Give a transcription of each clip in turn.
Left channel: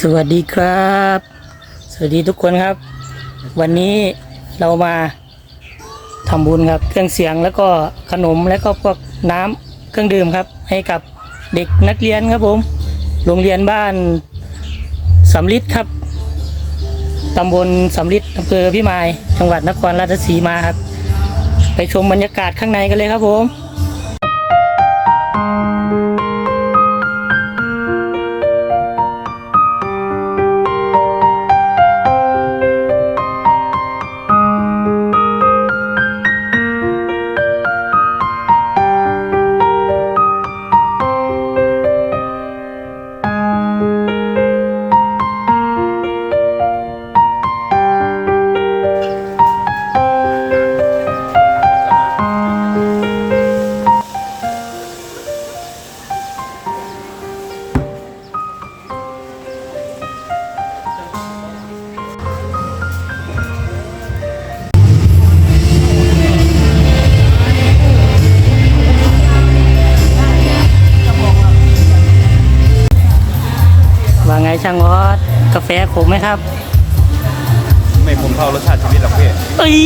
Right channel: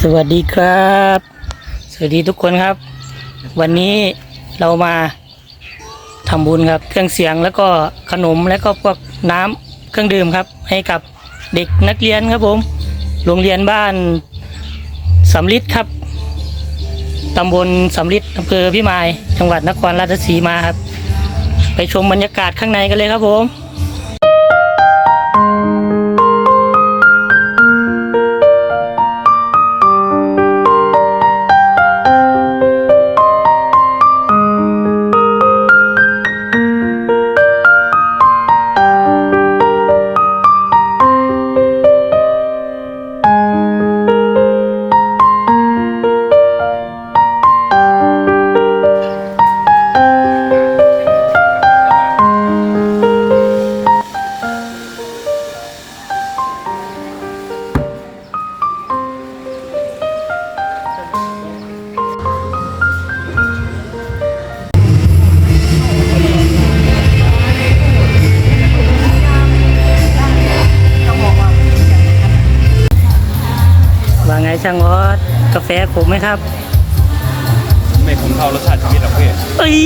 สวัสดีครับ สวัสดีทุกคนครับ วันนี้เรามาทำบุญครับ เครื่องเสียงแล้วก็ขนมแล้วก็พวกน้ำเครื่องดื่มครับ ให้กับเด็กนักเรียนครับผม โรงเรียนบ้านสำลิดครับตำบลสำลิดอำเภอพิมาย จังหวัดนครราชสีมาครับ ไปชมบรรยากาศข้างในกันเลยครับผม ช่างออสกาแฟขมไหมครับ ไม่ผมเท่ารสชาติชีวิตหรอกพี่เอ้ย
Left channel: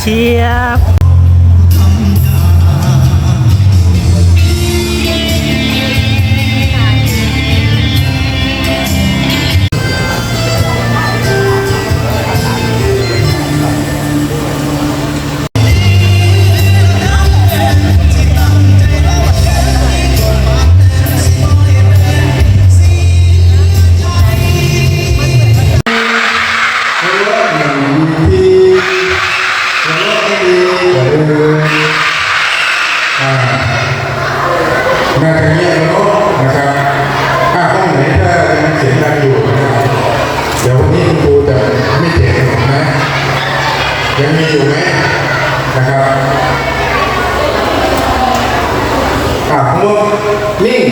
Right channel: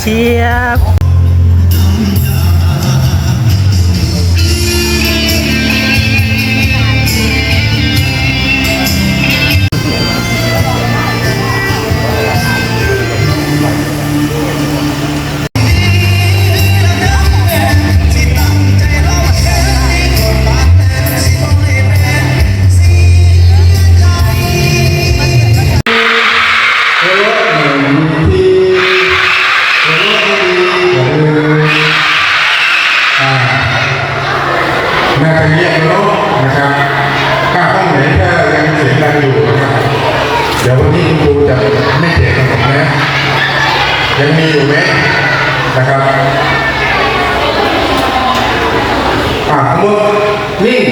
เชียบ น่าจะเงียบแล้วเนอะนะครับถ้าห้องไหนถ้ายังเสียงดังอยู่นะครับเดี๋ยววันนี้คุณครูจะไม่แจกขนมนะยังมีอยู่ไหมนะครับอ่าสมมตินิ่ง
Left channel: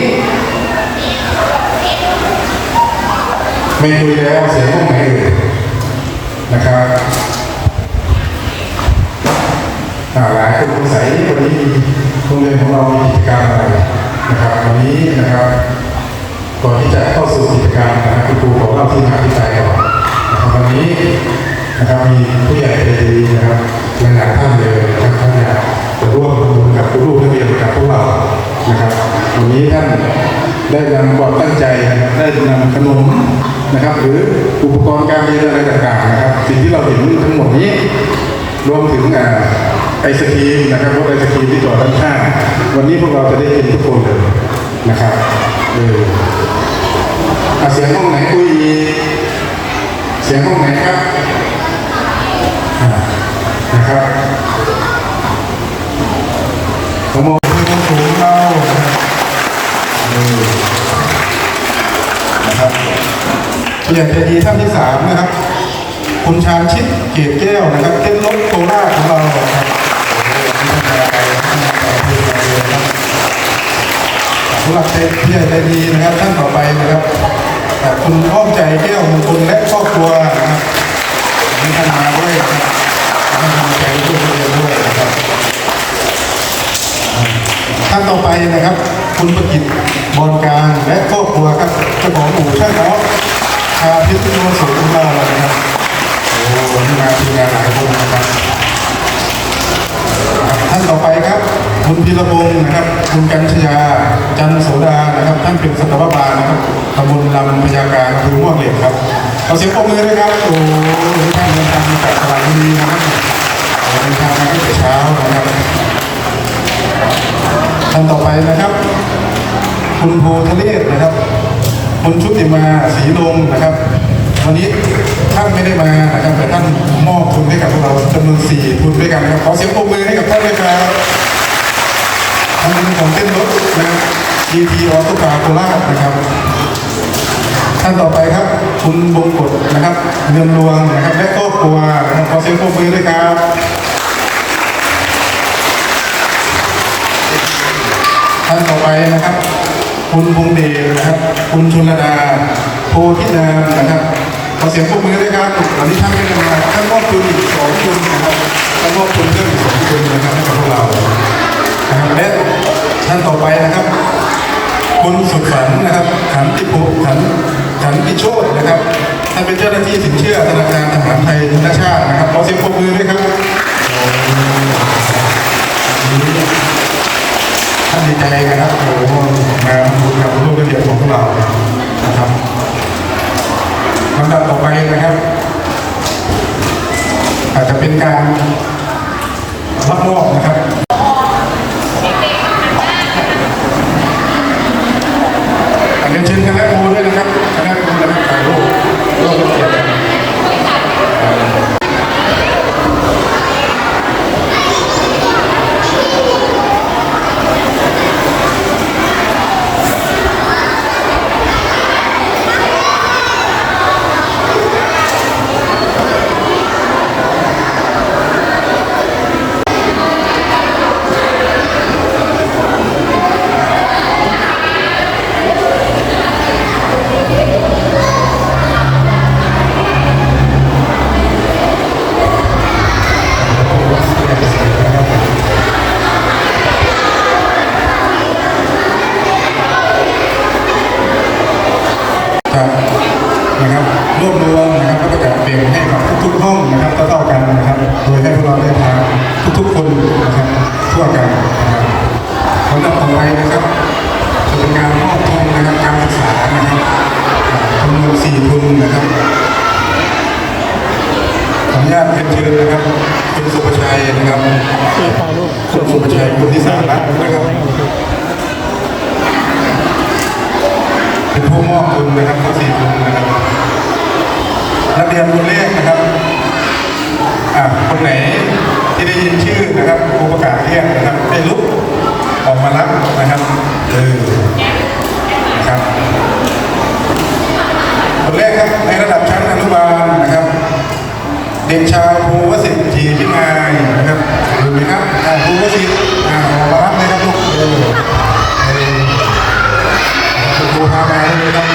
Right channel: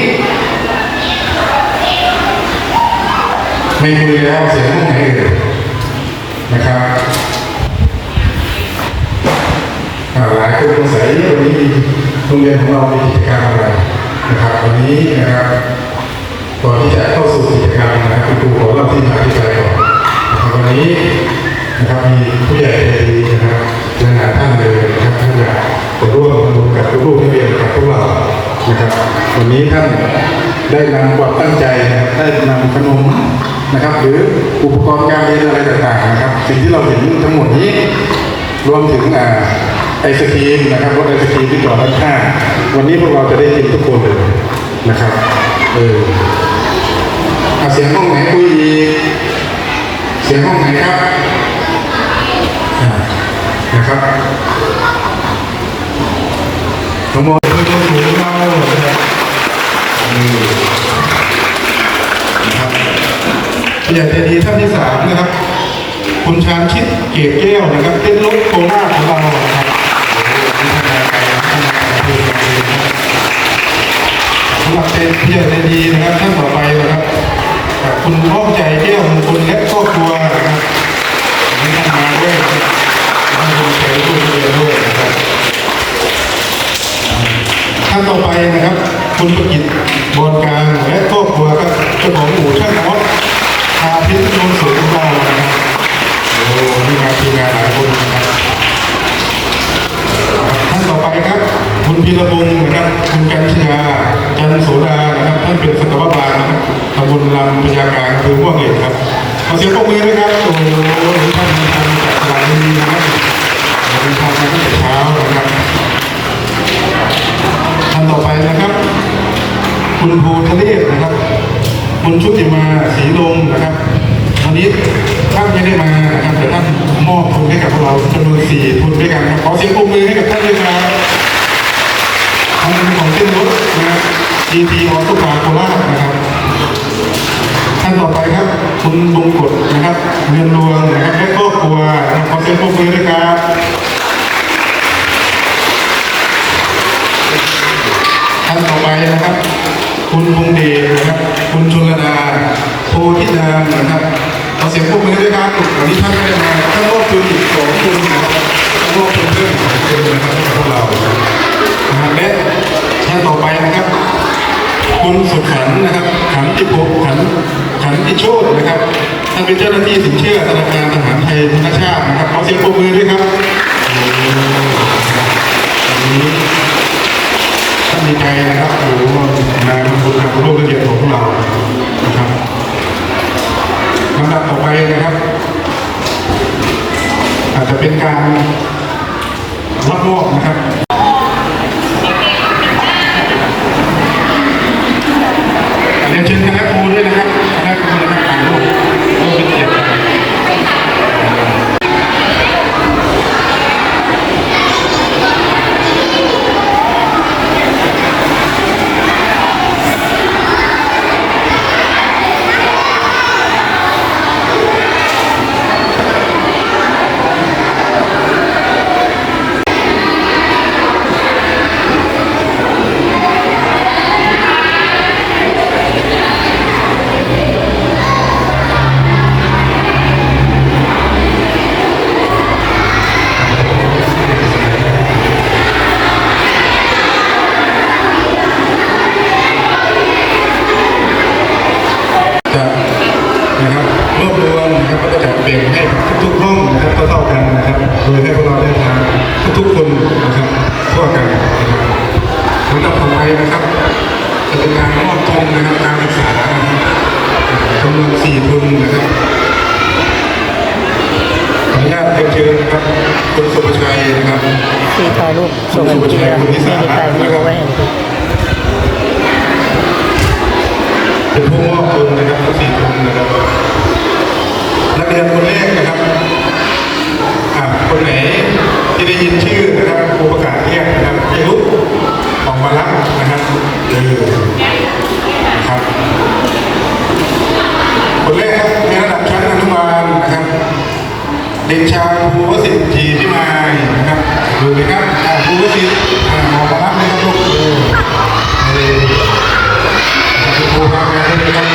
ไม่คุยแล้วเสียงห้องไหนเอ่ยนะครับอ่าหลายคนสงสัยวันนี้โรงเรียนของเรามีกิจกรรมอะไร นะครับวันนี้นะครับก่อนที่จะเข้าสู่กิจกรรมนะครับคุณครูขอเล่าที่มาที่ไปก่อนนะครับวันนี้นะครับมีผู้ใหญ่ใจดีนะครับหลายๆท่านเลยนะครับท่านอยากจะร่วมทำบุญกับลูกๆนักเรียนกับพวกเรานะครับ วันนี้ท่านได้นำความตั้งใจนะครับได้นำขนมนะครับ หรืออุปกรณ์การเรียนอะไรต่างๆนะครับ สิ่งที่เราเห็นทั้งหมดนี้รวมถึงอ่า ไอศครีมนะครับรถไอศครีมที่จอดด้านข้างวันนี้พวกเราจะได้กินทุกคนเลยนะครับเออเสียงห้องไหนคุยอีเสียงห้องไหนครับนะครับขโมยคือคนถูเรานี่นะครับผู้ใหญ่ใจดีท่านที่สามนะครับคุณชาญชิดเกียรติแก้วนะครับเต้นรถโคราชของเราำหรับเจพี่ใหญ่ใจดีนะครับท่านต่อไปนะครับคุณอ้อมใจแก้วมงคลและครอบครัวนะครับวันนี่ท่านมาด้วยนะครับท่านคุณใจร่วมเรียนด้วยนะครับท่านต่อไปนะครับ คุณประกิตบอลกลางและครอบครัวครับเจ้าของอู่ช่างออสชาพิษโนนสูงของเรานะครับโอ้นี่มาทีมงานหลายคนนะครับท่านต่อไปครับ คุณ พีระพงศ์นะครับคุณกัญชยาจันโสดานะครับท่านเป็นสัตวบาลนะครับตำบลลำพญาการคือม่วงเหล็กครับขอเสียงปรบมือด้วยครับโอ้ท่านเดินทางมาจากสระบุรีนะครับเดินทางมาตั้งแต่เช้านะครับท่านต่อไปนะครับ คุณโพธเนศนะครับ คุณชุติมาศรีลมนะครับวันนี้ท่านไม่ได้มานะครับแต่ท่านมอบทุนให้กับพวกเราจำนวนสี่ทุนด้วยกันครับขอเสียงปรบมือให้กับท่านด้วยครับ นเป็นของเต้นรถนะครับ GT ออโต้คาร์โคราชนะครับท่านต่อไปครับ คุณบงกฎนะครับเงินรวงนะครับและครอบครัวนะครับขอเสียงปรบมือด้วยครับท่านต่อไปนะครับ คุณพงเดชนะครับ คุณชุลดาโพธินามนะครับขอเสียงปรบมือด้วยครับวันนี้ท่านไม่ได้มาท่านมอบทุนอีกสองทุนนะครับ ท่านต่อไปนะครับ คุณสุดฝันนะครับ ขันติภพขันขันติโชตนะครับท่านเป็นเจ้าหน้าที่สินเชื่อธนาคารทหารไทยธนชาตินะครับขอเสียงปรบมือด้วยครับท่านดีใจนะครับโอ้โหมาทำบุญกับลูกเอียดของพวกเรานะครับลำดับต่อไปนะครับ อาจจะเป็นการรับมอบนะครับ จะนะครับรวบรวมนะครับก็จะจัดเป็นให้กับทุกๆห้องนะครับเท่าๆกันนะครับโดยให้พวกเราได้ทานทุกๆคนนะครับทั่วกันนะครับลำดับต่อไปนะครับจะเป็นการมอบทุนนะครับการศึกษานะครับอ่าจำนวนสี่ทุนนะครับขออนุญาตเรียนเชิญนะครับคุณสุภชัยนะครับที่ถ่ายรูปส่งให้พี่แล้วไม่ได้ถ่ายรูปเอาไว้ให้เลย เป็นผู้มอบทุนนะครับทั้งสี่ทุนนะครับ นักเรียนคนแรกนะครับอ่าคนไหนที่ได้ยินชื่อนะครับผู้ประกาศเรียกนะครับให้ลุกออกมารับนะครับเออ এবং